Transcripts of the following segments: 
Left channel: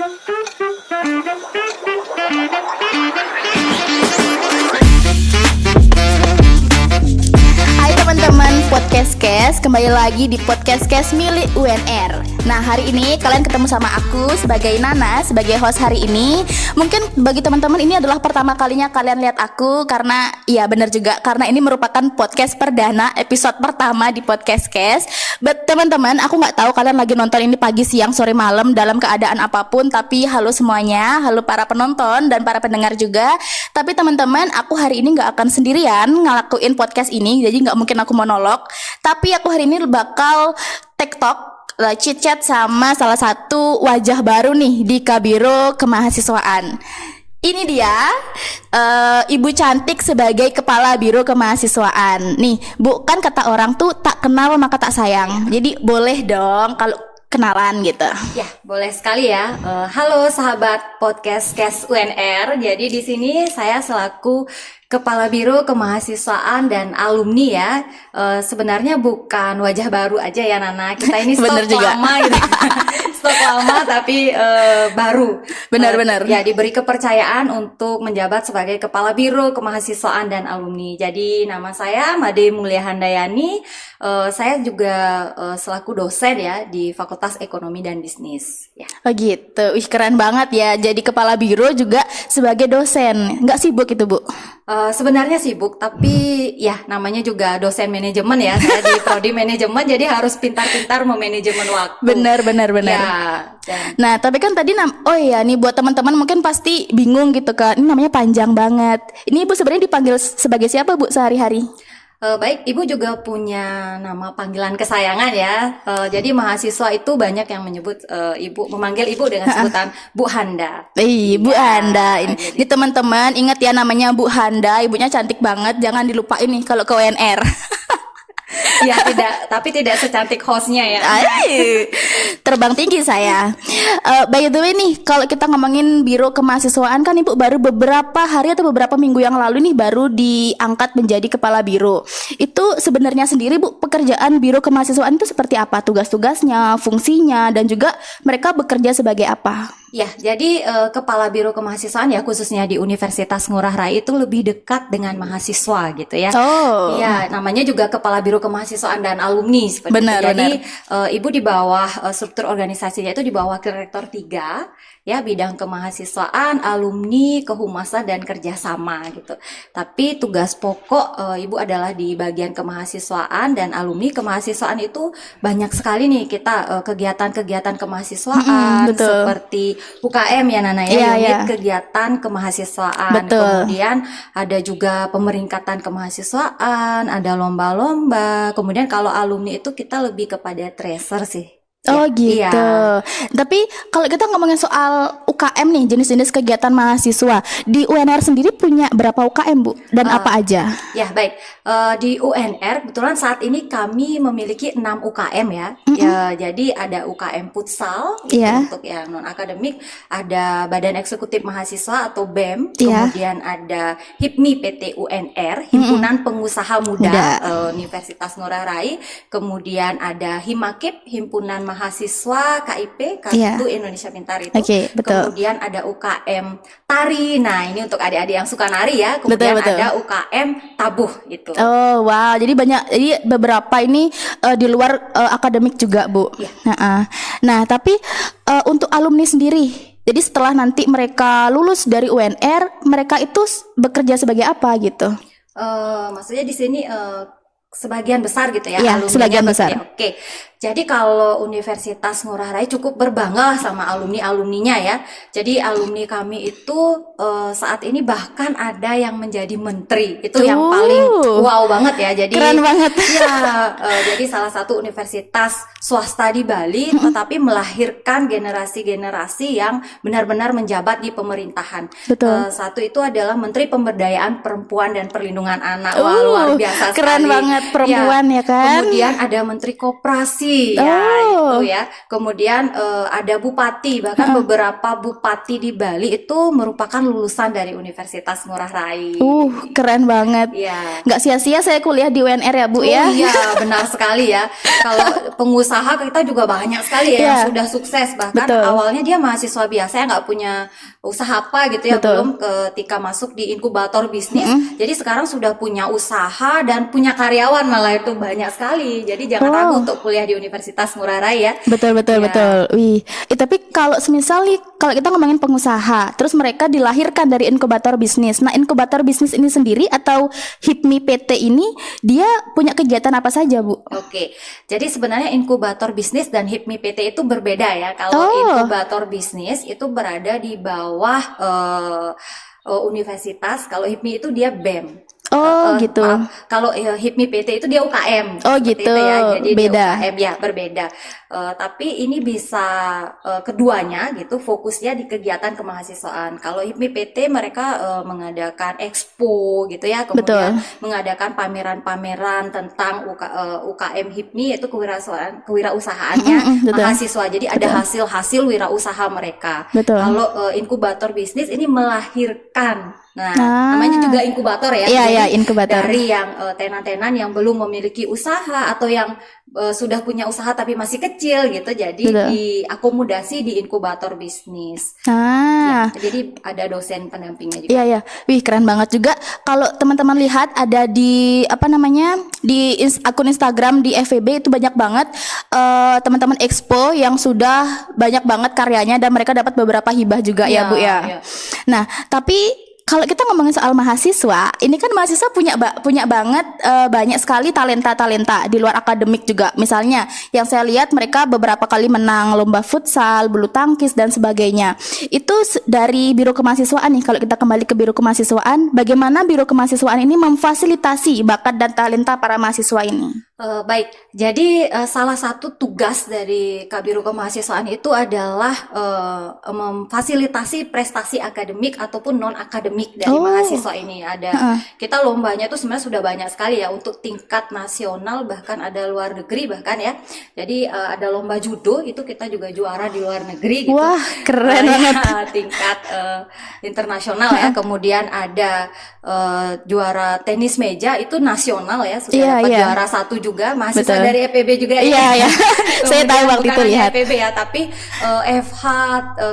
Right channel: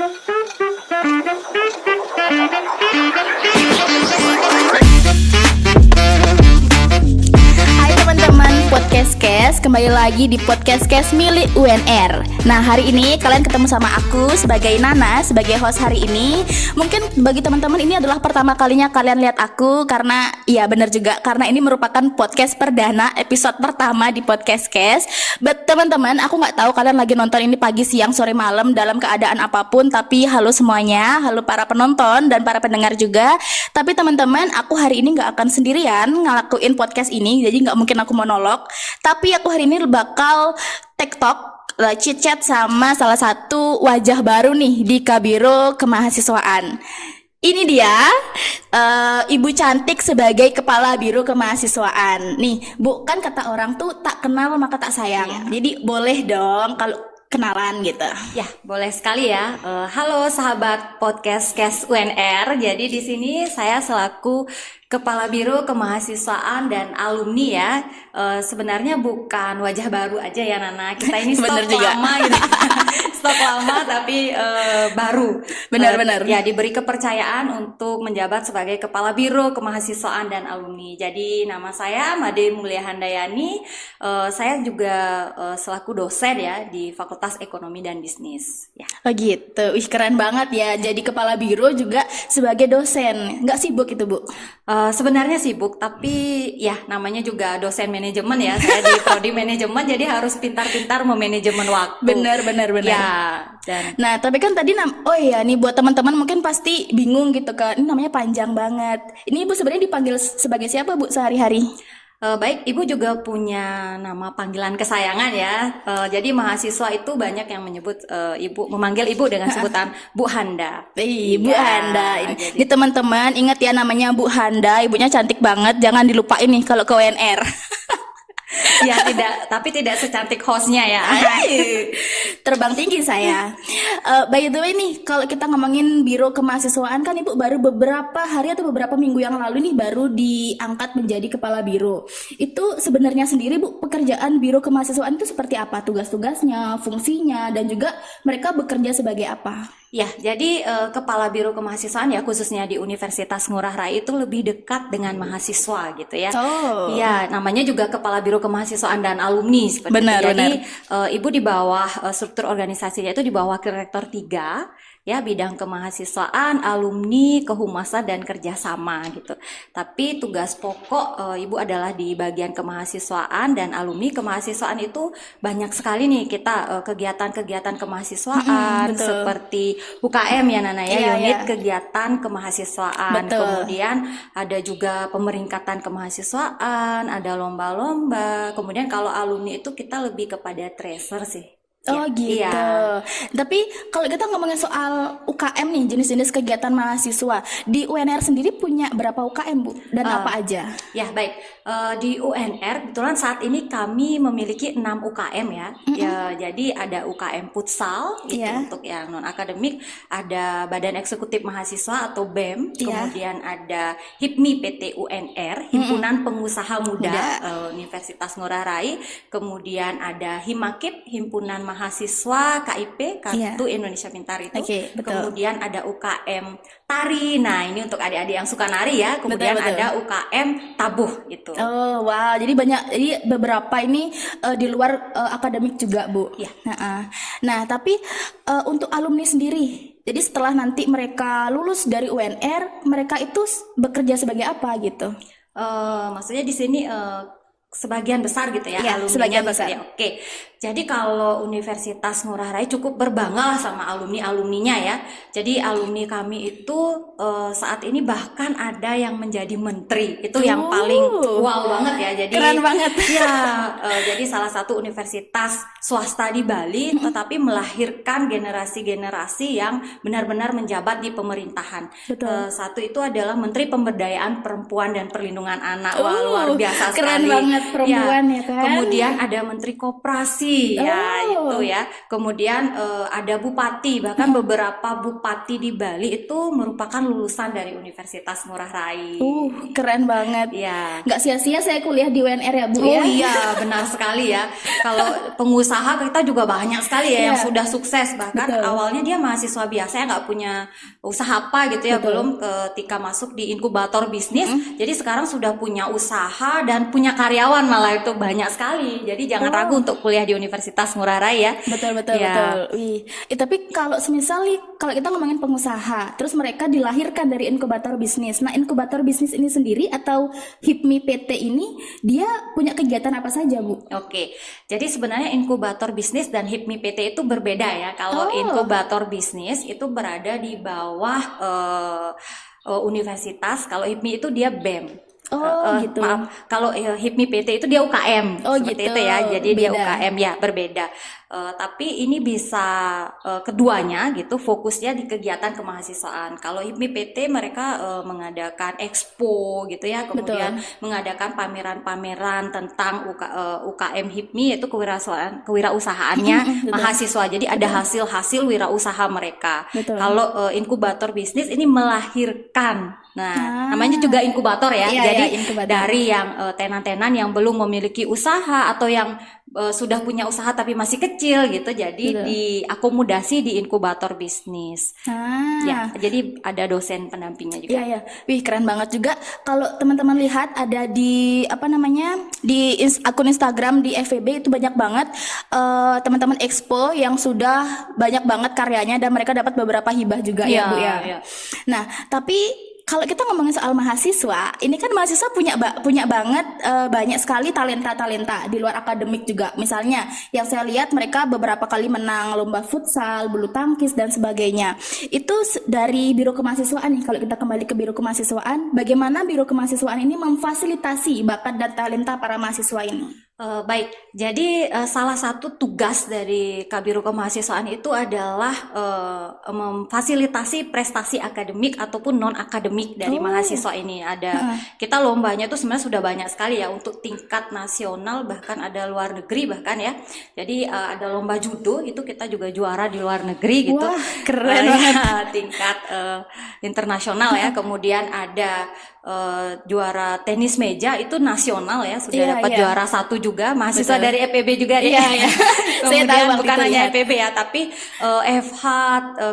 Hai teman-teman podcast Kes, kembali lagi di podcast Kes milik UNR. Nah, hari ini kalian ketemu sama aku sebagai Nana, sebagai host hari ini. Mungkin bagi teman-teman ini adalah pertama kalinya kalian lihat aku, karena ya benar juga, karena ini merupakan podcast perdana, episode pertama di podcast Kes. But teman-teman, aku nggak tahu kalian lagi nonton ini pagi, siang, sore, malam, dalam keadaan apapun. Tapi halo semuanya, halo para penonton dan para pendengar juga. Tapi teman-teman, aku hari ini nggak akan sendirian ngelakuin podcast ini, jadi nggak mungkin aku monolog. Tapi aku hari ini bakal TikTok, chit-chat sama salah satu wajah baru nih di Kabiro Kemahasiswaan. Ini dia, ibu cantik sebagai kepala biro kemahasiswaan. Nih, Bu, kan kata orang tuh tak kenal maka tak sayang. Jadi boleh dong kalau kenalan gitu. Ya, boleh sekali ya. Halo sahabat podcast Kes UNR. Jadi di sini saya selaku Kepala Biro Kemahasiswaan dan Alumni ya. Sebenarnya bukan wajah baru aja ya Nana. Kita ini stok lama ini. Stok lama tapi baru. Benar-benar. Ya, diberi kepercayaan untuk menjabat sebagai Kepala Biro Kemahasiswaan dan Alumni. Jadi nama saya Made Mulia Handayani. Saya juga selaku dosen ya di Fakultas Ekonomi dan Bisnis. Ya. Oh gitu, ih keren banget ya. Jadi kepala biro juga sebagai dosen. Nggak sibuk itu, Bu? Sebenarnya sibuk, tapi ya namanya juga dosen manajemen ya. Saya di prodi manajemen, jadi harus pintar-pintar memanajemen waktu. Benar. Ya. Nah, tapi kan tadi oh iya nih buat teman-teman mungkin pasti bingung gitu kan. Ini namanya panjang banget. Ini Ibu sebenarnya dipanggil sebagai siapa, Bu, sehari-hari? Baik, Ibu juga punya nama panggilan kesayangan ya. Jadi mahasiswa itu banyak yang menyebut memanggil Ibu dengan sebutan Bu Handa. Bu Handa. Ini teman-teman ingat ya namanya Bu Handa. Ibunya cantik banget. Jangan dilupain nih kalau ke UNR. Ya tapi tidak secantik hostnya ya. Terbang tinggi saya. By the way nih, kalau kita ngomongin biro kemahasiswaan kan Ibu baru beberapa hari atau beberapa minggu yang lalu nih baru diangkat menjadi kepala biro. Itu sebenarnya sendiri Bu, pekerjaan biro kemahasiswaan itu seperti apa? Tugas-tugasnya, fungsinya, dan juga mereka bekerja sebagai apa? Ya, jadi kepala biro kemahasiswaan ya khususnya di Universitas Ngurah Rai itu lebih dekat dengan mahasiswa gitu ya. Oh. Iya, namanya juga kepala biro kemahasiswaan dan alumni seperti itu. Jadi Ibu di bawah struktur organisasinya itu di bawah Rektor 3 ya, bidang kemahasiswaan, alumni, kehumasan dan kerjasama gitu. Tapi tugas pokok Ibu adalah di bagian kemahasiswaan dan alumni. Kemahasiswaan itu banyak sekali nih kita kegiatan-kegiatan kemahasiswaan seperti UKM ya Nana ya, unit kegiatan kemahasiswaan. Betul. Kemudian ada juga pemeringkatan kemahasiswaan, ada lomba-lomba. Kemudian kalau alumni itu kita lebih kepada tracer sih. Oh gitu. Iya. Tapi kalau kita ngomongin soal UKM nih, jenis-jenis kegiatan mahasiswa di UNR sendiri punya berapa UKM, Bu? Dan apa aja? Ya baik, di UNR kebetulan saat ini kami memiliki 6 UKM ya. Ya, jadi ada UKM futsal untuk yang non akademik, ada Badan Eksekutif Mahasiswa atau BEM, kemudian ada HIPMI PT UNR, Himpunan Pengusaha Muda Universitas Ngurah Rai, kemudian ada HIMAKIP, Himpunan Mahasiswa KIP, Kartu Indonesia Pintar itu. Kemudian ada UKM Tari. Nah, ini untuk adik-adik yang suka nari ya. Kemudian ada UKM Tabuh gitu. Oh, wow. Jadi banyak, jadi beberapa ini di luar akademik juga, Bu. Ya. Nah, tapi untuk alumni sendiri, jadi setelah nanti mereka lulus dari UNR, mereka itu bekerja sebagai apa gitu? Maksudnya di sini sebagian besar gitu ya, alumni sebagian besar. Oke. Jadi kalau Universitas Ngurah Rai cukup berbangga sama alumni-alumninya ya. Jadi alumni kami itu saat ini bahkan ada yang menjadi menteri. Itu yang paling wow banget ya. Jadi keren banget. Ya, jadi salah satu universitas swasta di Bali tetapi melahirkan generasi-generasi yang benar-benar menjabat di pemerintahan. Satu itu adalah Menteri Pemberdayaan Perempuan dan Perlindungan Anak. Wah, luar biasa sekali. Keren banget perempuan ya kan. Kemudian ada Menteri Koperasi Bupati ya itu ya. Kemudian ada bupati, bahkan beberapa bupati di Bali itu merupakan lulusan dari Universitas Ngurah Rai. Keren banget. Iya. Nggak sia-sia saya kuliah di UNR ya Bu ya. Iya, benar sekali ya. Kalau pengusaha kita juga banyak sekali ya yang sudah sukses. Bahkan awalnya dia mahasiswa biasa yang nggak punya usaha apa gitu ya, belum ketika masuk di inkubator bisnis. Jadi sekarang sudah punya usaha dan punya karyawan, malah itu banyak sekali. Jadi jangan ragu untuk kuliah di Universitas Ngurah Rai ya. Betul. Wih, tapi kalau semisal kalau kita ngomongin pengusaha, terus mereka dilahirkan dari inkubator bisnis. Nah, inkubator bisnis ini sendiri atau HIPMI PT ini dia punya kegiatan apa saja, Bu? Oke. Jadi sebenarnya inkubator bisnis dan HIPMI PT itu berbeda ya. Kalau inkubator bisnis itu berada di bawah universitas, kalau HIPMI itu dia BEM. Gitu. Kalau HIPMI PT itu dia UKM. Gitu. Itu ya. Jadi beda. dia UKM ya, berbeda. Tapi ini bisa keduanya gitu, fokusnya di kegiatan kemahasiswaan. Kalau HIPMI PT mereka mengadakan expo gitu ya, kemudian mengadakan pameran-pameran tentang UKM HIPMI, yaitu kewirausahaannya mahasiswa. Jadi ada hasil-hasil wirausaha mereka. Kalau inkubator bisnis ini melahirkan. Nah, namanya juga inkubator ya. Jadi inkubator. dari yang tenan-tenan yang belum memiliki usaha atau yang sudah punya usaha tapi masih kecil gitu, jadi diakomodasi di inkubator bisnis. Ya, jadi ada dosen pendampingnya juga. Iya. Wih, keren banget juga. Kalau teman-teman lihat ada di di akun Instagram di FEB itu banyak banget teman-teman expo yang sudah banyak banget karyanya dan mereka dapat beberapa hibah juga ya Bu ya. Nah, tapi kalau kita ngomongin soal mahasiswa, ini kan mahasiswa punya banget banyak sekali talenta di luar akademik juga. Misalnya, yang saya lihat mereka beberapa kali menang lomba futsal, bulu tangkis dan sebagainya. Itu dari Biro Kemahasiswaan nih. Kalau kita kembali ke Biro Kemahasiswaan, bagaimana Biro Kemahasiswaan ini memfasilitasi bakat dan talenta para mahasiswa ini? Baik, jadi salah satu tugas dari Kabiro Kemahasiswaan itu adalah memfasilitasi prestasi akademik ataupun non akademik dari mahasiswa ini. Kita lombanya itu sebenarnya sudah banyak sekali ya, untuk tingkat nasional, bahkan ada luar negeri bahkan ya. Jadi ada lomba judo, itu kita juga juara di luar negeri gitu. Wah, keren banget. Tingkat internasional ya. Kemudian ada juara tenis meja, itu nasional ya, sudah dapat juara 1 juga, mahasiswa dari EPB juga ya. Saya tahu waktu itu lihat EPB ya, tapi FH,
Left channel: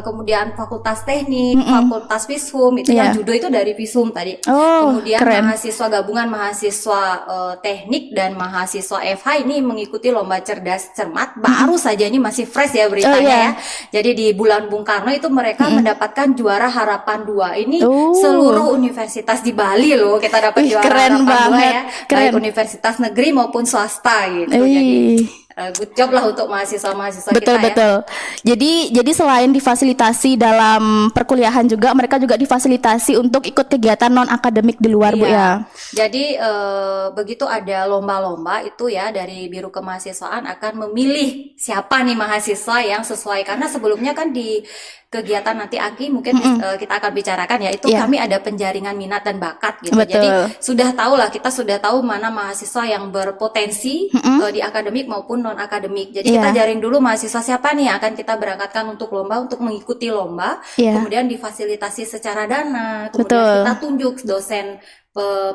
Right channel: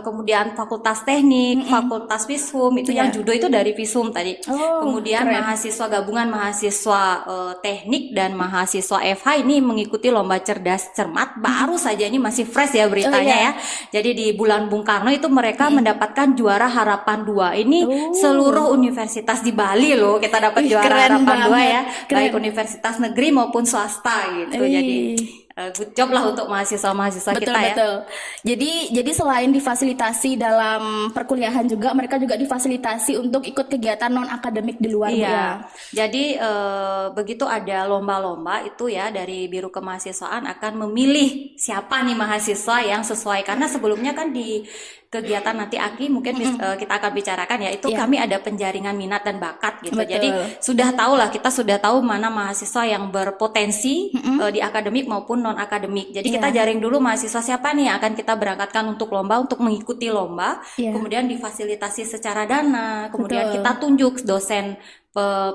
kemudian Fakultas Teknik, Fakultas Visum itu yang judo itu dari Visum tadi. Kemudian mahasiswa gabungan mahasiswa teknik dan mahasiswa FH ini mengikuti lomba cerdas cermat. Baru saja ini masih fresh ya beritanya ya. Jadi di bulan Bung Karno itu mereka mendapatkan juara harapan 2. Ini seluruh universitas di Bali loh, kita dapat juara harapan 2 ya. Baik universitas negeri maupun swasta gitu. Jadi good job lah untuk mahasiswa-mahasiswa kita ya. Betul. Jadi selain difasilitasi dalam perkuliahan juga, mereka juga difasilitasi untuk ikut kegiatan non akademik di luar Bu ya. Jadi begitu ada lomba-lomba itu ya, dari Biro Kemahasiswaan akan memilih siapa nih mahasiswa yang sesuai, karena sebelumnya kan di kegiatan nanti Aki mungkin kita akan bicarakan ya, itu kami ada penjaringan minat dan bakat gitu. Jadi kita sudah tahu mana mahasiswa yang berpotensi di akademik maupun non akademik. Jadi kita jaring dulu mahasiswa siapa nih yang akan kita berangkatkan untuk lomba, untuk mengikuti lomba, kemudian difasilitasi secara dana, kemudian kita tunjuk dosen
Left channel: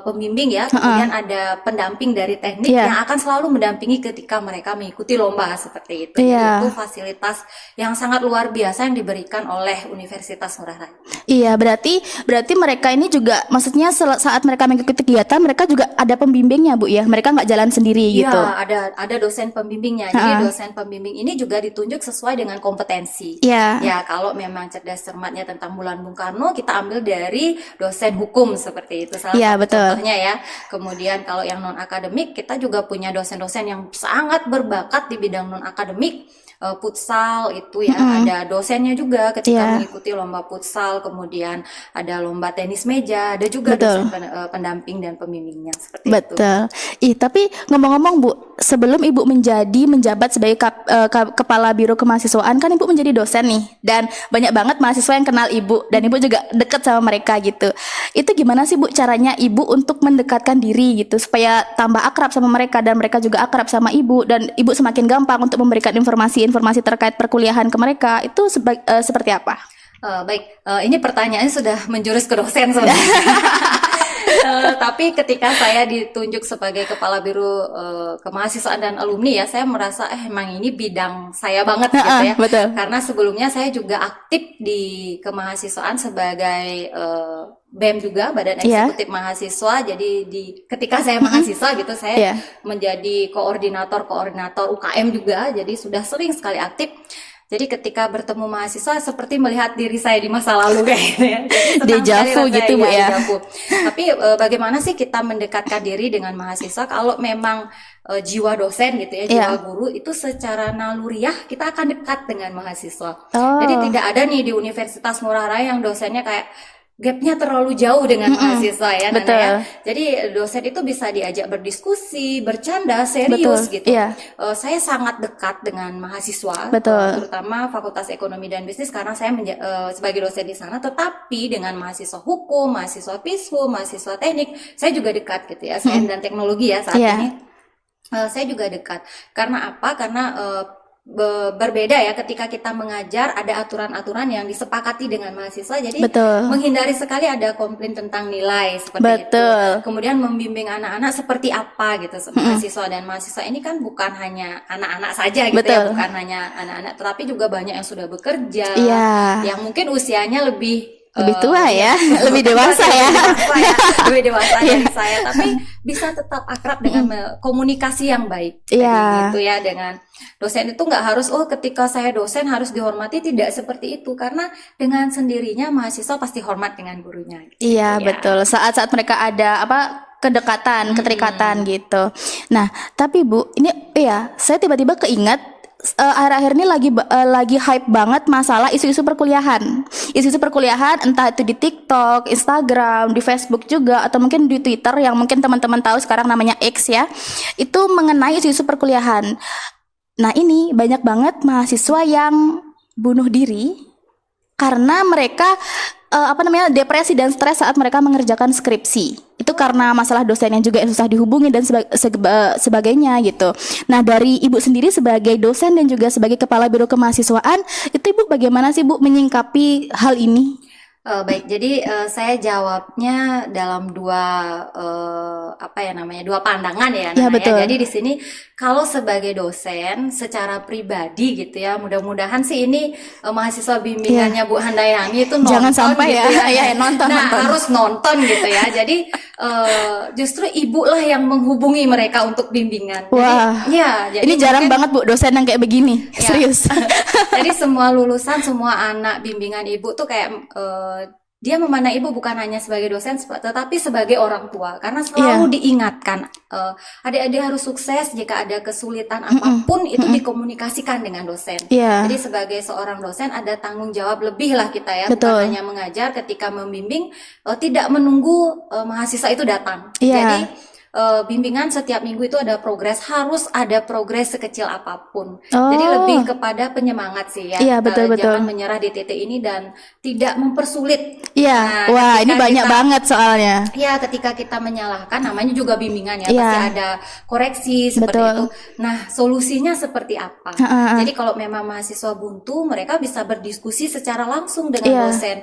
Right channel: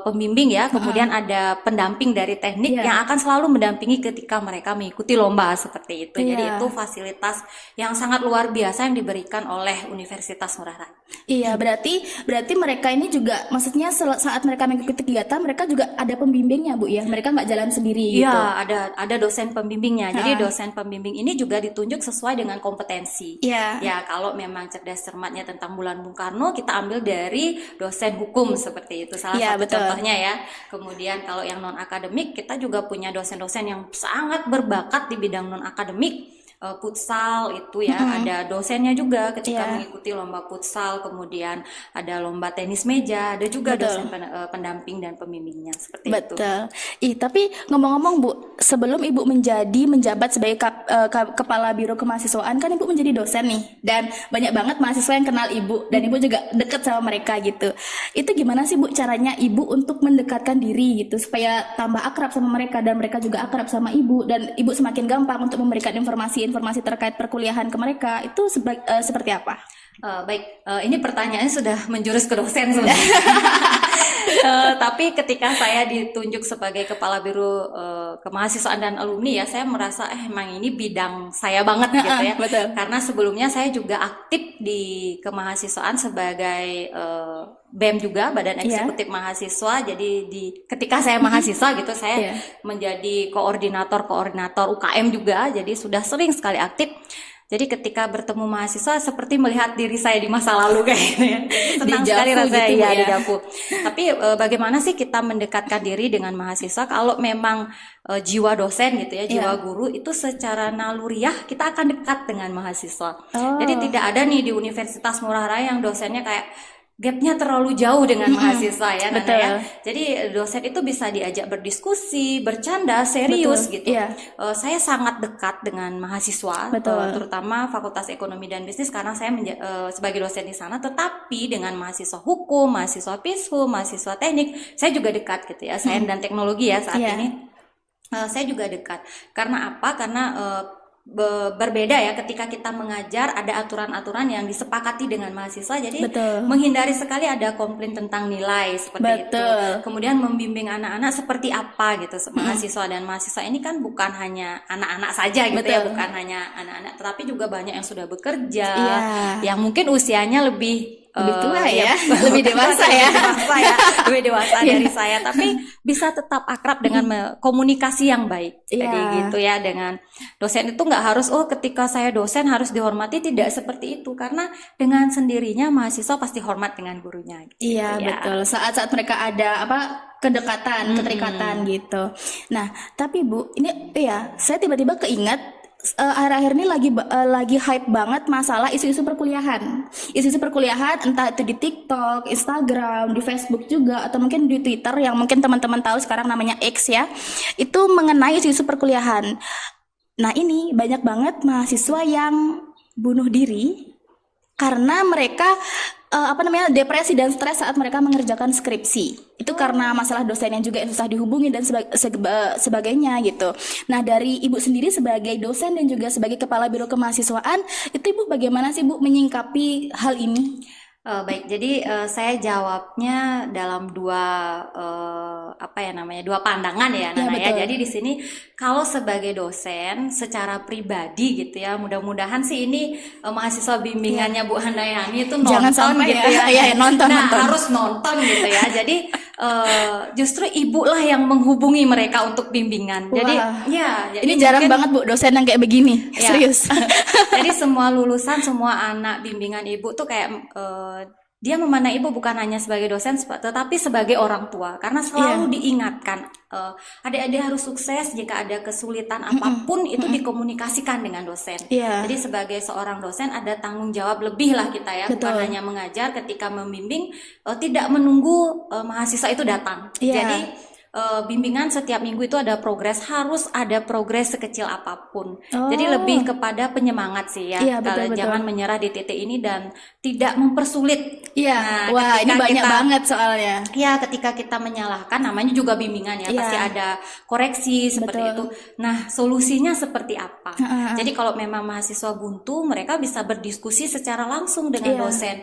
pembimbing ya, kemudian ada pendamping dari teknik yang akan selalu mendampingi ketika mereka mengikuti lomba seperti itu. Jadi itu fasilitas yang sangat luar biasa yang diberikan oleh Universitas Ngurah Rai. Iya, berarti mereka ini juga, maksudnya saat mereka mengikuti kegiatan, mereka juga ada pembimbingnya Bu ya. Mereka nggak jalan sendiri gitu. Iya, ada dosen pembimbingnya. Jadi dosen pembimbing ini juga ditunjuk sesuai dengan kompetensi. Ya, kalau memang cerdas cermatnya tentang bulan Bung Karno, kita ambil dari dosen hukum seperti itu. Contohnya ya. Kemudian kalau yang non akademik, kita juga punya dosen-dosen yang sangat berbakat di bidang non akademik. futsal itu ya, ada dosennya juga ketika mengikuti lomba futsal, kemudian ada lomba tenis meja, ada juga dosen pendamping dan pembimbingnya seperti itu. Betul. Tapi ngomong-ngomong Bu, sebelum Ibu menjabat sebagai kepala biro kemahasiswaan, kan Ibu menjadi dosen nih, dan banyak banget mahasiswa yang kenal Ibu, dan Ibu juga dekat sama mereka gitu. Itu gimana sih Bu caranya Ibu untuk mendekatkan diri gitu supaya tambah akrab sama mereka dan mereka juga akrab sama Ibu, dan Ibu semakin gampang untuk memberikan informasi terkait perkuliahan ke mereka? Itu seperti apa? Baik, ini pertanyaannya sudah menjurus ke dosen sebenarnya. Tapi ketika saya ditunjuk sebagai kepala biro kemahasiswaan dan alumni ya, saya merasa emang ini bidang saya banget gitu ya. Betul. Karena sebelumnya saya juga aktif di kemahasiswaan sebagai BEM juga, Badan Eksekutif Mahasiswa. Jadi ketika saya mahasiswa gitu, saya menjadi koordinator UKM juga. Jadi sudah sering sekali aktif. Jadi ketika bertemu mahasiswa seperti melihat diri saya di masa lalu kayak gitu ya. Dejavu gitu Bu ya. Tapi bagaimana sih kita mendekatkan diri dengan mahasiswa kalau memang jiwa dosen gitu ya, jiwa guru itu secara naluriah kita akan dekat dengan mahasiswa. Jadi tidak ada nih di Universitas Ngurah Rai yang dosennya kayak gapnya terlalu jauh dengan mahasiswa ya, Nana ya. Jadi dosen itu bisa diajak berdiskusi, bercanda, serius gitu. Saya sangat dekat dengan mahasiswa, terutama Fakultas Ekonomi dan Bisnis karena saya sebagai dosen di sana. Tetapi dengan mahasiswa hukum, mahasiswa FISHU, mahasiswa teknik, saya juga dekat gitu ya. Sains dan teknologi ya saat ini. Saya juga dekat. Karena apa? Karena berbeda ya ketika kita mengajar, ada aturan-aturan yang disepakati dengan mahasiswa, jadi menghindari sekali ada komplain tentang nilai seperti itu. Kemudian membimbing anak-anak seperti apa gitu, mahasiswa dan mahasiswa ini kan bukan hanya anak-anak saja gitu ya, bukan hanya anak-anak, tetapi juga banyak yang sudah bekerja, yang mungkin usianya lebih tua ya, lebih dewasa ya, lebih dewasa dari saya, tapi bisa tetap akrab dengan komunikasi yang baik, jadi gitu ya. Dengan dosen itu nggak harus ketika saya dosen harus dihormati, tidak seperti itu, karena dengan sendirinya mahasiswa pasti hormat dengan gurunya. Gitu, betul. Saat-saat mereka ada kedekatan, keterikatan gitu. Nah, tapi Bu, ini saya tiba-tiba keingat. Akhir-akhir ini lagi hype banget masalah isu-isu perkuliahan. Isu-isu perkuliahan entah itu di TikTok, Instagram, di Facebook juga, atau mungkin di Twitter yang mungkin teman-teman tahu sekarang namanya X ya. Itu mengenai isu-isu perkuliahan. Nah, ini banyak banget mahasiswa yang bunuh diri karena mereka depresi dan stres saat mereka mengerjakan skripsi. Itu karena masalah dosen yang juga susah dihubungi dan sebagainya gitu. Nah, dari Ibu sendiri sebagai dosen dan juga sebagai kepala biro kemahasiswaan, itu Ibu bagaimana sih Bu menyingkapi hal ini? Baik, jadi saya jawabnya dalam dua pandangan ya, Nana, ya. Jadi di sini kalau sebagai dosen secara pribadi gitu ya, mudah-mudahan sih ini mahasiswa bimbingannya Bu Handayani itu nonton, jangan sampai gitu ya. Nonton. Harus nonton gitu ya. Jadi justru ibu lah yang menghubungi mereka untuk bimbingan. Jadi ini jarang banget Bu dosen yang kayak begini, serius. Jadi semua lulusan, semua anak bimbingan ibu tuh kayak dia memandang ibu bukan hanya sebagai dosen, tetapi sebagai orang tua, karena selalu diingatkan adik-adik harus sukses. Jika ada kesulitan apapun itu dikomunikasikan dengan dosen. Jadi sebagai seorang dosen ada tanggung jawab lebih lah kita ya, bukan hanya mengajar. Ketika membimbing tidak menunggu mahasiswa itu datang. Jadi bimbingan setiap minggu itu ada progres, harus ada progres sekecil apapun. Jadi lebih kepada penyemangat sih ya. Jangan menyerah di titik ini dan tidak mempersulit. Ini banyak banget soalnya. Ketika kita menyalahkan, namanya juga bimbingan ya, pasti ada koreksi seperti itu. Nah, solusinya seperti apa? Jadi kalau memang mahasiswa buntu, mereka bisa berdiskusi secara langsung dengan dosen.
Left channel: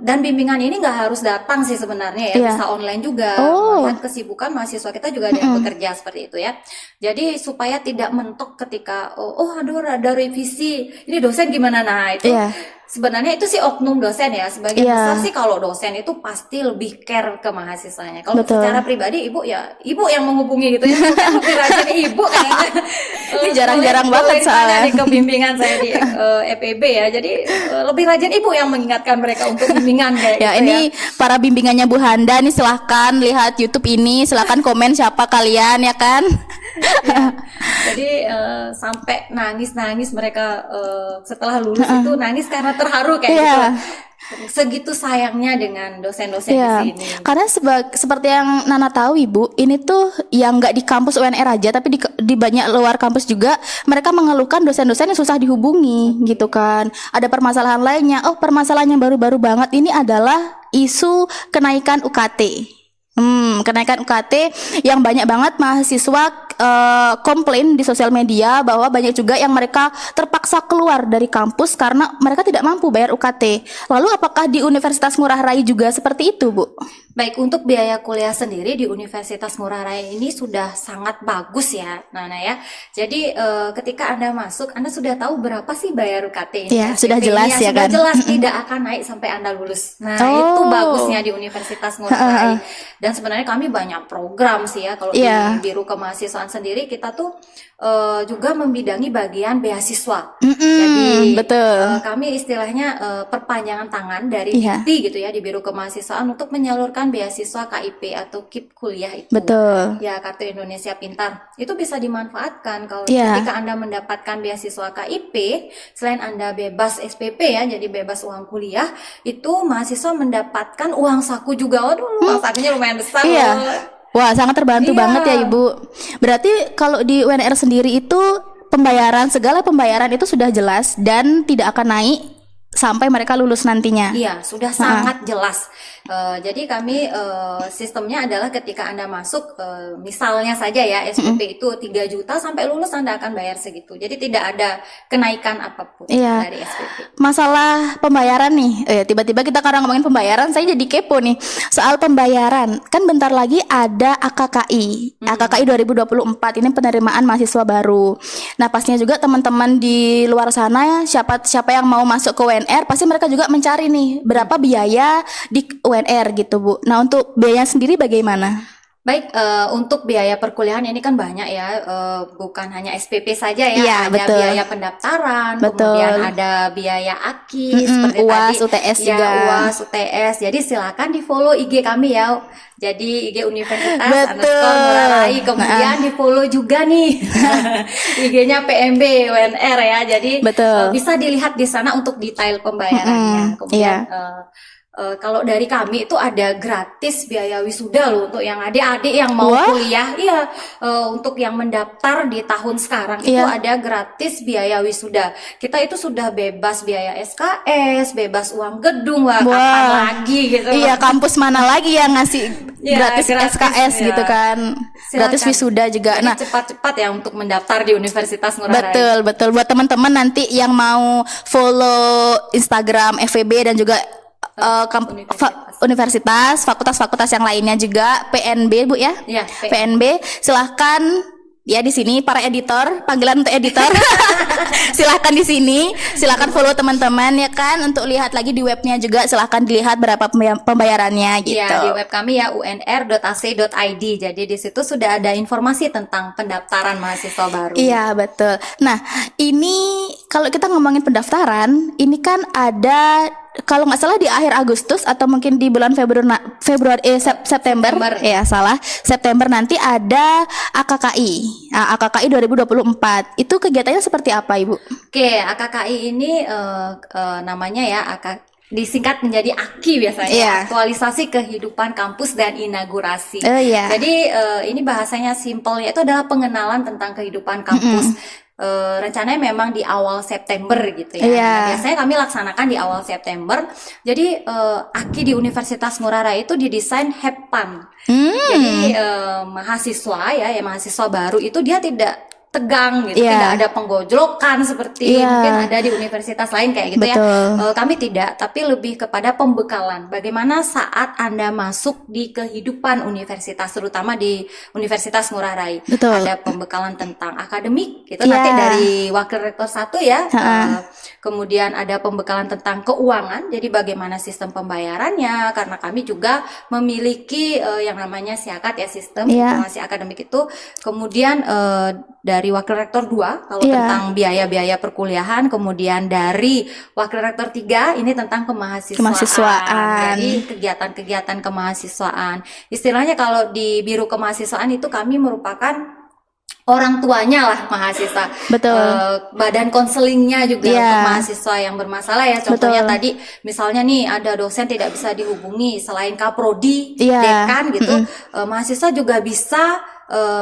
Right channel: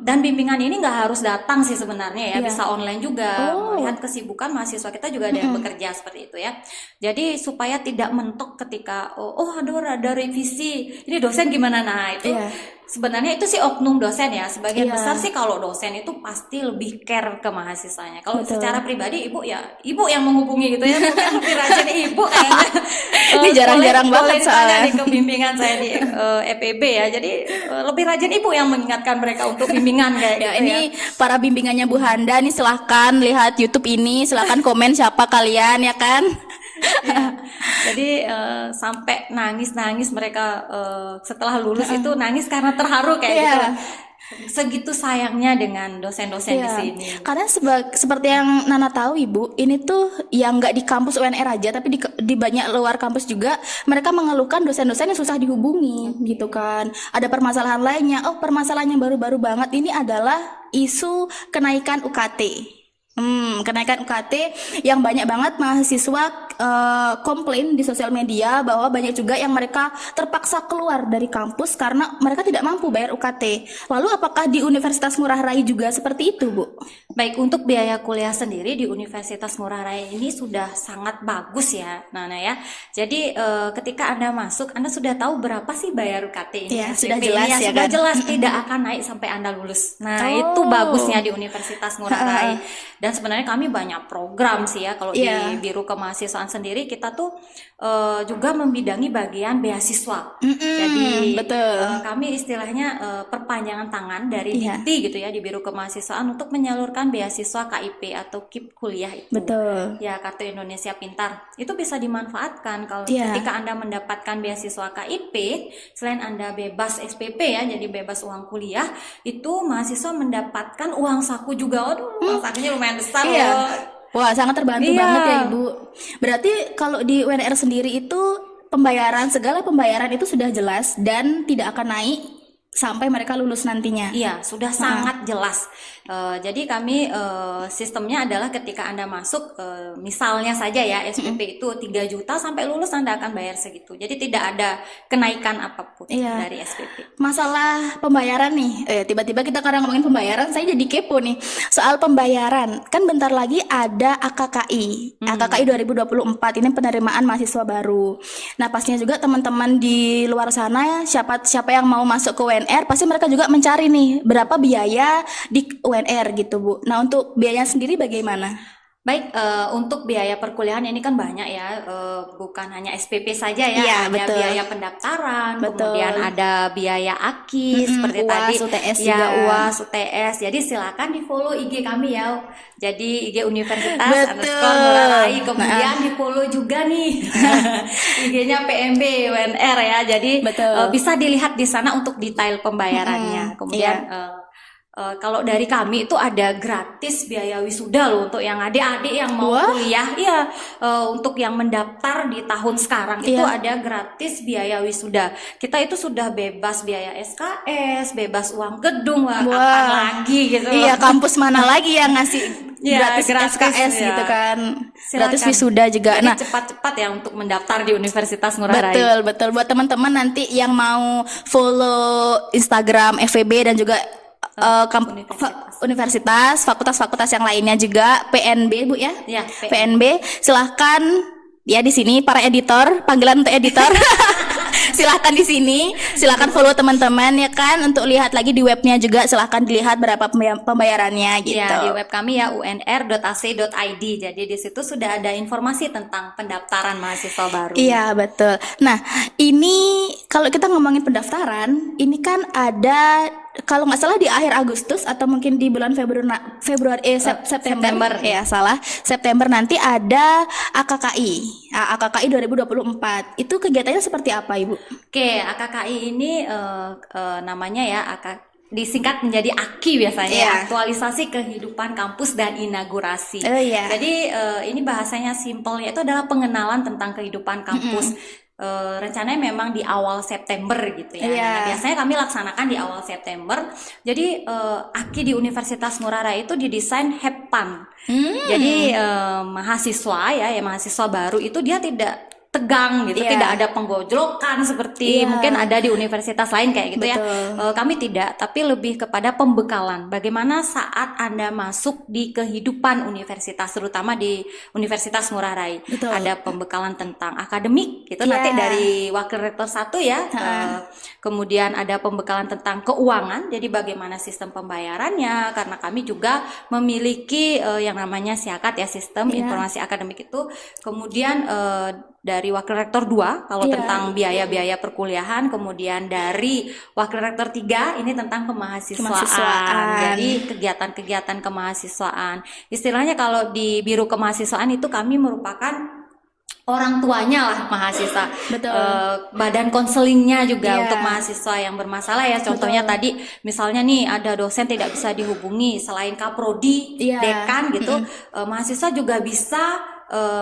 Dan bimbingan ini nggak harus datang sih sebenarnya ya, bisa online juga. Melihat kesibukan mahasiswa kita juga ada yang bekerja seperti itu ya. Jadi supaya tidak mentok ketika ada revisi, ini dosen gimana, nah itu sebenarnya itu sih oknum dosen ya. Sebagian besar sih kalau dosen itu pasti lebih care ke mahasiswanya. Kalau secara pribadi ibu yang menghubungi gitu ya. Mungkin lebih rajin ibu kayaknya. Ini jarang-jarang banget soalnya di kebimbingan saya di EPB ya. Jadi lebih rajin ibu yang mengingatkan mereka untuk bimbingan kayak ya, gitu ini para bimbingannya Bu Handa nih, silahkan lihat YouTube ini, silahkan komen siapa kalian ya kan. Ya, jadi sampai nangis mereka setelah lulus itu nangis karena terharu kayak gitu. Segitu sayangnya dengan dosen-dosen di sini. Karena seperti yang Nana tahu Ibu, ini tuh yang nggak di kampus UNR aja, tapi di banyak luar kampus juga mereka mengeluhkan dosen-dosen yang susah dihubungi gitu kan. Ada permasalahan lainnya. Oh, permasalahan yang baru-baru banget ini adalah isu kenaikan UKT. Kenaikan UKT yang banyak banget mahasiswa komplain di sosial media bahwa banyak juga yang mereka terpaksa keluar dari kampus karena mereka tidak mampu bayar UKT. Lalu apakah di Universitas Ngurah Rai juga seperti itu, Bu? Baik, untuk biaya kuliah sendiri di Universitas Ngurah Rai ini sudah sangat bagus ya, Nana ya. Jadi ketika Anda masuk, Anda sudah tahu berapa sih bayar UKT ini? Ya, sudah jelas ya kan? Sudah jelas, tidak akan naik sampai Anda lulus. Nah, itu bagusnya di Universitas Ngurah Rai. Dan sebenarnya kami banyak program sih ya, kalau di Biro Kemahasiswaan sendiri kita tuh juga membidangi bagian beasiswa. Jadi kami istilahnya perpanjangan tangan dari Dikti gitu ya, di Biro Kemahasiswaan untuk menyalurkan beasiswa KIP atau KIP kuliah itu. Ya, Kartu Indonesia Pintar. Itu bisa dimanfaatkan kalau ketika Anda mendapatkan beasiswa KIP, selain Anda bebas SPP ya, jadi bebas uang kuliah, itu mahasiswa mendapatkan uang saku juga. Waduh, uang sakunya lumayan besar loh. Wah, sangat terbantu banget ya Ibu. Berarti kalau di UNR sendiri itu segala pembayaran itu sudah jelas dan tidak akan naik sampai mereka lulus nantinya. Iya, sudah sangat jelas. Jadi kami sistemnya adalah ketika Anda masuk, misalnya saja ya SPP itu 3 juta, sampai lulus Anda akan bayar segitu. Jadi tidak ada kenaikan apapun dari SPP. Masalah pembayaran nih, tiba-tiba kita karena ngomongin pembayaran, saya jadi kepo nih soal pembayaran. Kan bentar lagi ada AKKI, AKKI 2024 ini penerimaan mahasiswa baru. Nah, pastinya juga teman-teman di luar sana, siapa yang mau masuk ke UNR, pasti mereka juga mencari nih berapa biaya di UNR gitu Bu. Nah, untuk biayanya sendiri bagaimana? Baik, untuk biaya perkuliahan ini kan banyak ya, bukan hanya SPP saja ya, ada biaya pendaftaran, kemudian ada biaya AKI, seperti UAS, tadi, UTS juga. UAS, UTS. Jadi silakan di follow IG kami ya. Jadi IG Universitas Ngurah Rai, kemudian di follow juga nih IG-nya PMB UNR ya. Jadi bisa dilihat di sana untuk detail pembayarannya. Kemudian kalau dari kami itu ada gratis biaya wisuda loh untuk yang adik-adik yang mau kuliah. Iya, untuk yang mendaftar di tahun sekarang itu ada gratis biaya wisuda. Kita itu sudah bebas biaya SKS, bebas uang gedung, kapan lagi gitu. Iya, kampus mana lagi yang ngasih gratis SKS gitu kan. Gratis wisuda juga. Jadi cepat-cepat ya untuk mendaftar di Universitas Ngurah Rai. Betul. Buat teman-teman nanti yang mau follow Instagram FEB dan juga universitas, fakultas-fakultas yang lainnya juga, PNB Bu ya, PNB, silahkan ya di sini para editor, panggilan untuk editor, silahkan di sini, silahkan follow teman-teman ya kan, untuk lihat lagi di webnya juga, silahkan dilihat berapa pembayarannya gitu. Ya, di web kami ya unr.ac.id, jadi di situ sudah ada informasi tentang pendaftaran mahasiswa baru. Iya betul. Nah ini kalau kita ngomongin pendaftaran, ini kan ada, kalau nggak salah di akhir Agustus atau mungkin di bulan September September nanti ada AKKI. AKKI 2024. Itu kegiatannya seperti apa, Ibu? Oke, AKKI ini namanya ya disingkat menjadi AKI biasanya, aktualisasi kehidupan kampus dan inaugurasi. Jadi ini bahasanya simpel, yaitu adalah pengenalan tentang kehidupan kampus. Rencananya memang di awal September gitu ya. Nah, biasanya kami laksanakan di awal September. Jadi AKI di Universitas Ngurah Rai itu didesain Heptan. Jadi mahasiswa mahasiswa baru itu dia tidak tegang gitu, tidak ada penggojlokan seperti mungkin ada di universitas lain kayak gitu. Betul. Ya. Kami tidak, tapi lebih kepada pembekalan. Bagaimana saat Anda masuk di kehidupan universitas, terutama di Universitas Ngurah Rai. Betul. Ada pembekalan tentang akademik gitu nanti dari Wakil Rektor 1 ya. Kemudian ada pembekalan tentang keuangan, jadi bagaimana sistem pembayarannya, karena kami juga memiliki yang namanya SIAKAD ya, Sistem Informasi Akademik itu. Kemudian dari Wakil Rektor 2 kalau tentang biaya-biaya perkuliahan, kemudian dari Wakil Rektor 3 ini tentang kemahasiswaan. Jadi kegiatan-kegiatan kemahasiswaan. Istilahnya kalau di Biro Kemahasiswaan itu kami merupakan orang tuanya lah mahasiswa. Betul. Badan konselingnya juga untuk mahasiswa yang bermasalah ya. Contohnya tadi misalnya nih ada dosen tidak bisa dihubungi selain Kaprodi, dekan gitu. Mahasiswa juga bisa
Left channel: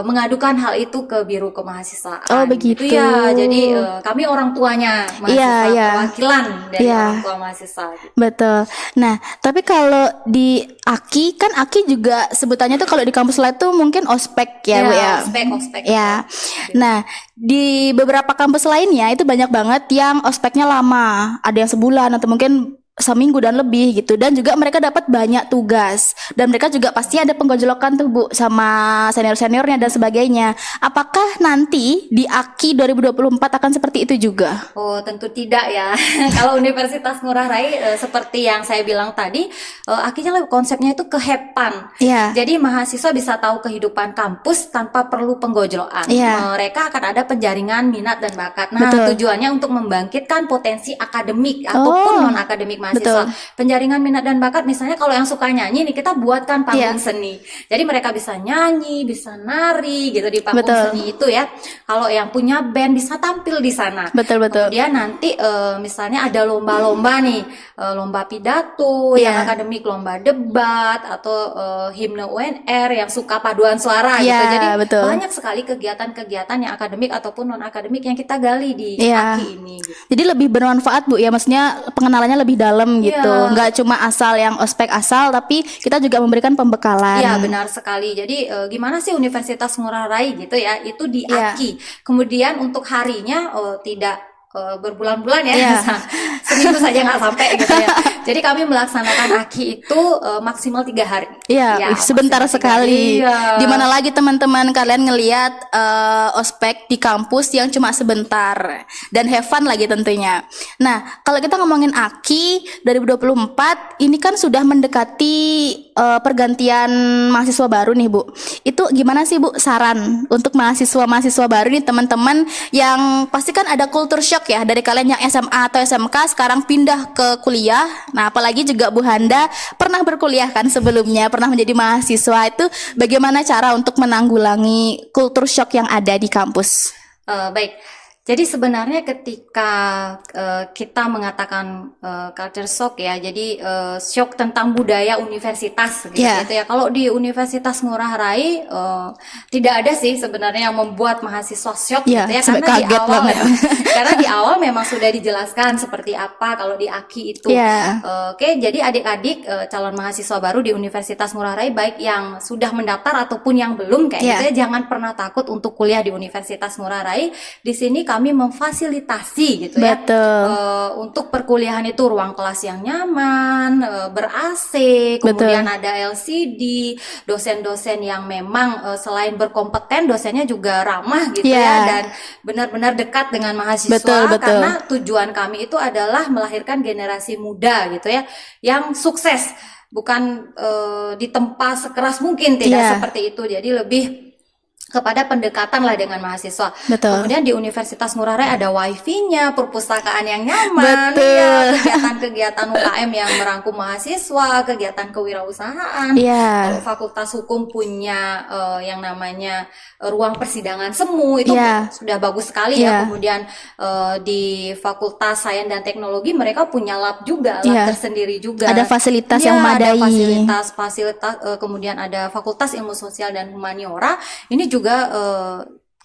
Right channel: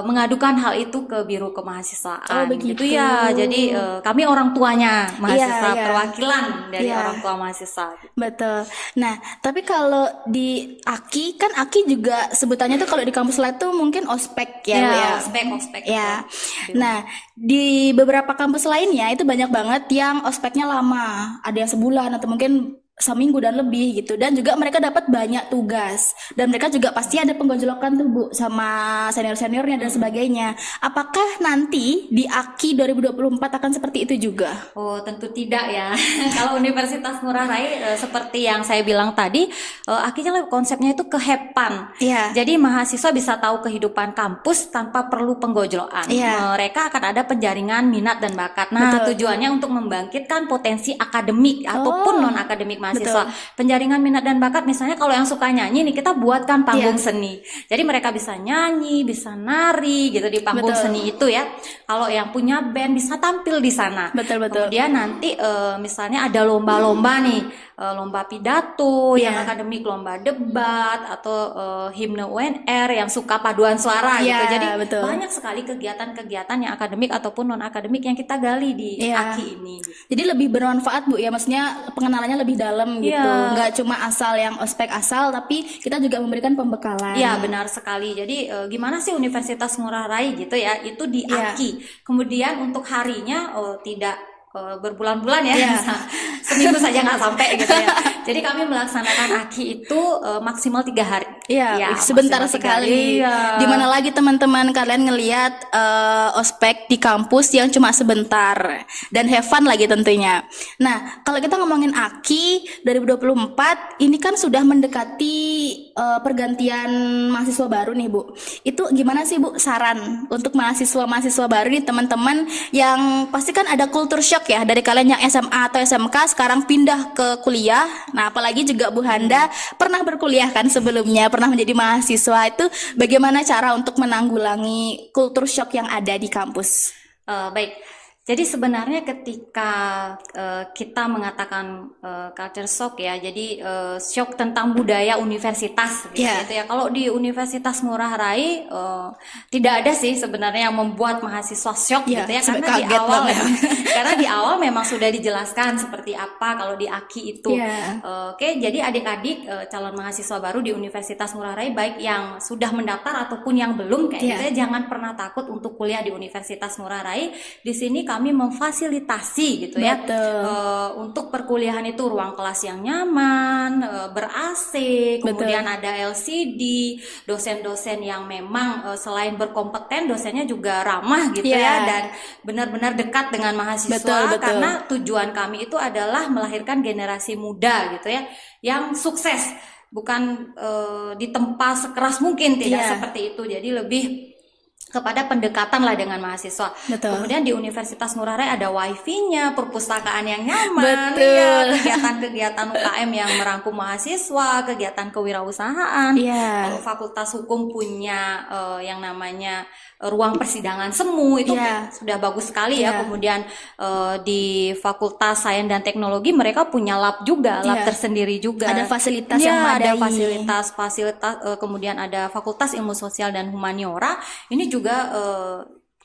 mengadukan hal itu ke Biro Kemahasiswaan. Oh begitu ya. Jadi kami orang tuanya mahasiswa, perwakilan dari orang tua mahasiswa. Betul. Nah, tapi kalau di AKI kan AKI juga sebutannya tuh kalau di kampus lain tuh mungkin ospek ya, Bu ya. Ospek. Ya. Nah, di beberapa kampus lainnya itu banyak banget yang ospeknya lama, ada yang sebulan atau mungkin seminggu dan lebih gitu, dan juga mereka dapat banyak tugas dan mereka juga pasti ada penggojolokan tuh Bu sama senior-seniornya dan sebagainya. Apakah nanti di AKI 2024 akan seperti itu juga? Oh tentu tidak ya. Kalau Universitas Ngurah Rai seperti yang saya bilang tadi, AKI-nya konsepnya itu kehepan. Jadi mahasiswa bisa tahu kehidupan kampus tanpa perlu penggojolokan. Mereka akan ada penjaringan minat dan bakat. Nah tujuannya untuk membangkitkan potensi akademik ataupun non akademik mahasiswa. Betul. Penjaringan minat dan bakat, misalnya kalau yang suka nyanyi nih, kita buatkan panggung seni. Jadi mereka bisa nyanyi, bisa nari gitu di panggung seni itu ya. Kalau yang punya band bisa tampil di sana. Betul. Kemudian nanti misalnya ada lomba-lomba nih, lomba pidato yang akademik, lomba debat atau himne UNR yang suka paduan suara gitu. Jadi banyak sekali kegiatan-kegiatan yang akademik ataupun non akademik yang kita gali di AKI ini. Gitu. Jadi lebih bermanfaat Bu ya, maksudnya pengenalannya lebih dalam gitu, nggak cuma asal yang ospek asal, tapi kita juga memberikan pembekalan. Iya benar sekali. Jadi gimana sih Universitas Ngurah Rai gitu ya, itu di AKI. Kemudian untuk harinya tidak berbulan-bulan ya, seminggu saja nggak sampai gitu ya. Jadi kami melaksanakan AKI itu maksimal 3 hari. Sebentar sekali. Dimana lagi teman-teman kalian ngelihat ospek di kampus yang cuma sebentar dan have fun lagi tentunya. Nah, kalau kita ngomongin AKI 2024 ini kan sudah mendekati pergantian mahasiswa baru nih Bu. Itu gimana sih Bu saran untuk mahasiswa baru nih teman-teman yang pasti kan ada culture shock ya dari kalian yang SMA atau SMK sekarang pindah ke kuliah. Nah, apalagi juga Bu Handa pernah berkuliah kan sebelumnya, pernah menjadi mahasiswa. Itu bagaimana cara untuk menanggulangi culture shock yang ada di kampus? Baik. Jadi sebenarnya ketika kita mengatakan culture shock ya, jadi shock tentang budaya universitas gitu ya. Kalau di Universitas Ngurah Rai tidak ada sih sebenarnya yang membuat mahasiswa shock gitu ya, karena di awal memang sudah dijelaskan seperti apa kalau di AKI itu. Oke, jadi adik-adik calon mahasiswa baru di Universitas Ngurah Rai baik yang sudah mendaftar ataupun yang belum kayak gitu ya, jangan pernah takut untuk kuliah di Universitas Ngurah Rai. Di sini kami memfasilitasi gitu ya. Untuk perkuliahan itu ruang kelas yang nyaman, ber-AC, kemudian ada LCD, dosen-dosen yang memang selain berkompeten, dosennya juga ramah gitu ya, dan benar-benar dekat dengan mahasiswa. Karena tujuan kami itu adalah melahirkan generasi muda gitu ya, yang sukses, bukan ditempa sekeras mungkin, tidak seperti itu. Jadi lebih kepada pendekatan lah dengan mahasiswa. Kemudian di Universitas Ngurah Rai ada wifi-nya, perpustakaan yang nyaman, kegiatan-kegiatan UKM yang merangkum mahasiswa, kegiatan kewirausahaan. Fakultas Hukum punya yang namanya ruang persidangan semu, itu sudah bagus sekali ya. Kemudian di Fakultas Sains dan Teknologi mereka punya lab juga, lab tersendiri juga. Ada fasilitas yang memadai. Ada fasilitas, kemudian ada Fakultas Ilmu Sosial dan Humaniora. Ini juga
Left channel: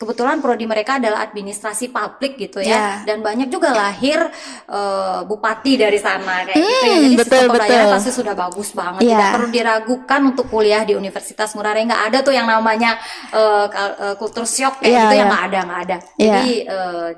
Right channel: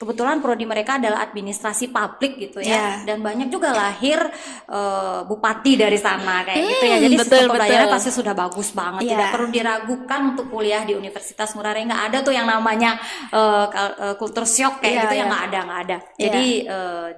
kebetulan prodi mereka adalah administrasi publik gitu ya, dan banyak juga lahir bupati dari sana kayak gitu ya. Jadi sistem pembelajaran pasti sudah bagus banget, tidak perlu diragukan untuk kuliah di Universitas Ngurah Rai. Nggak ada tuh yang namanya kultur shock kayak gitu, yang nggak ada. Jadi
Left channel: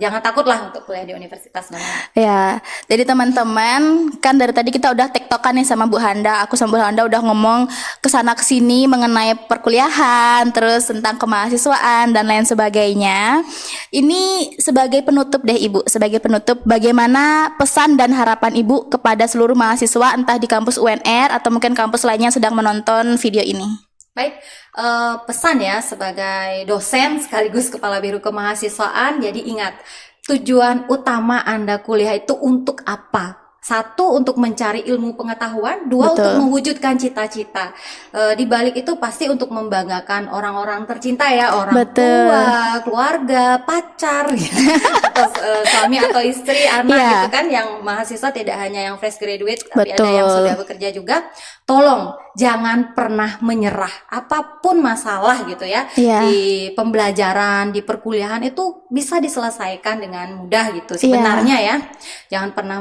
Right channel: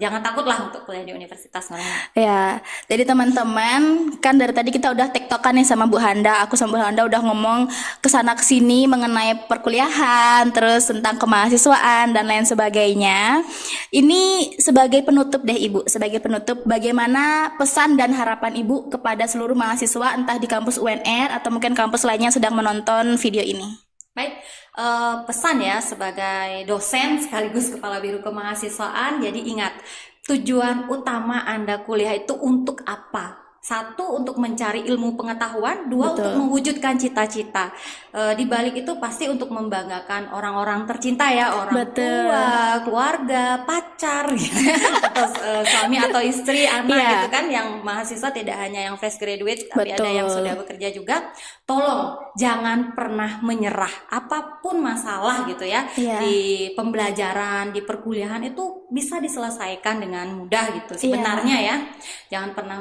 jangan takutlah untuk kuliah di Universitas Ngurah Rai. Ya, jadi teman-teman, kan dari tadi kita udah tektokan nih sama Bu Handa. Aku sama Bu Handa udah ngomong kesana kesini mengenai perkuliahan, terus tentang kemahasiswaan dan lain sebagainya. Ini sebagai penutup deh Ibu, sebagai penutup, bagaimana pesan dan harapan Ibu kepada seluruh mahasiswa entah di kampus UNR atau mungkin kampus lainnya yang sedang menonton video ini? Baik, pesan ya sebagai dosen sekaligus kepala biro kemahasiswaan, jadi ingat, tujuan utama Anda kuliah itu untuk apa? 1, untuk mencari ilmu pengetahuan. 2, untuk mewujudkan cita-cita. Di balik itu pasti untuk membanggakan orang-orang tercinta ya, orang tua, keluarga, pacar, atau suami atau istri, anak gitu kan, yang mahasiswa tidak hanya yang fresh graduate, tapi ada yang sudah bekerja juga. Tolong jangan pernah menyerah, apapun masalah gitu ya, di pembelajaran, di perkuliahan itu bisa diselesaikan dengan mudah gitu sebenarnya ya. Jangan pernah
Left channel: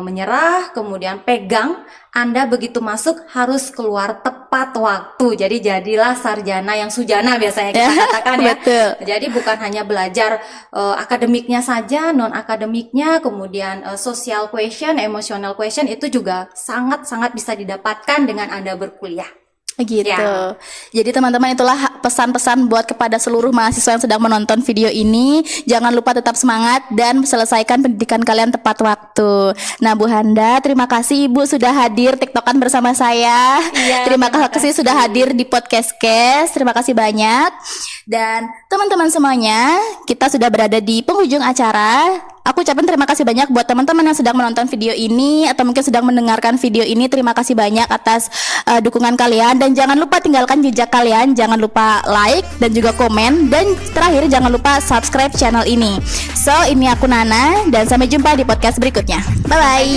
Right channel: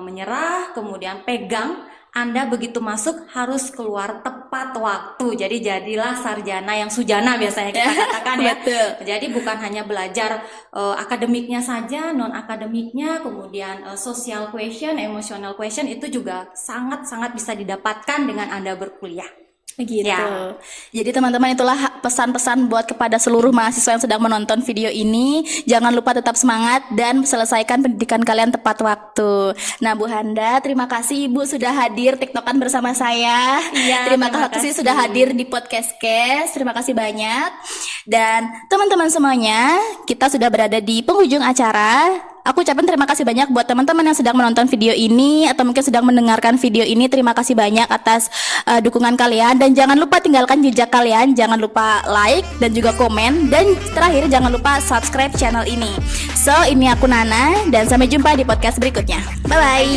menyerah, kemudian pegang, Anda begitu masuk harus keluar tepat waktu. Jadi jadilah sarjana yang sujana biasanya kita katakan ya. Jadi bukan hanya belajar akademiknya saja, non akademiknya, kemudian social question, emotional question itu juga sangat-sangat bisa didapatkan dengan Anda berkuliah. Gitu. Jadi teman-teman, itulah pesan-pesan buat kepada seluruh mahasiswa yang sedang menonton video ini. Jangan lupa tetap semangat dan selesaikan pendidikan kalian tepat waktu. Nah Bu Handa, terima kasih Ibu sudah hadir tiktokan bersama saya. Terima kasih sudah hadir di podcast Kes. Terima kasih banyak. Dan teman-teman semuanya, kita sudah berada di penghujung acara. Aku ucapkan terima kasih banyak buat teman-teman yang sedang menonton video ini atau mungkin sedang mendengarkan video ini. Terima kasih banyak atas dukungan kalian, dan jangan lupa tinggalkan jejak kalian, jangan lupa like dan juga komen, dan terakhir jangan lupa subscribe channel ini. So, ini aku Nana dan sampai jumpa di podcast berikutnya. Bye bye.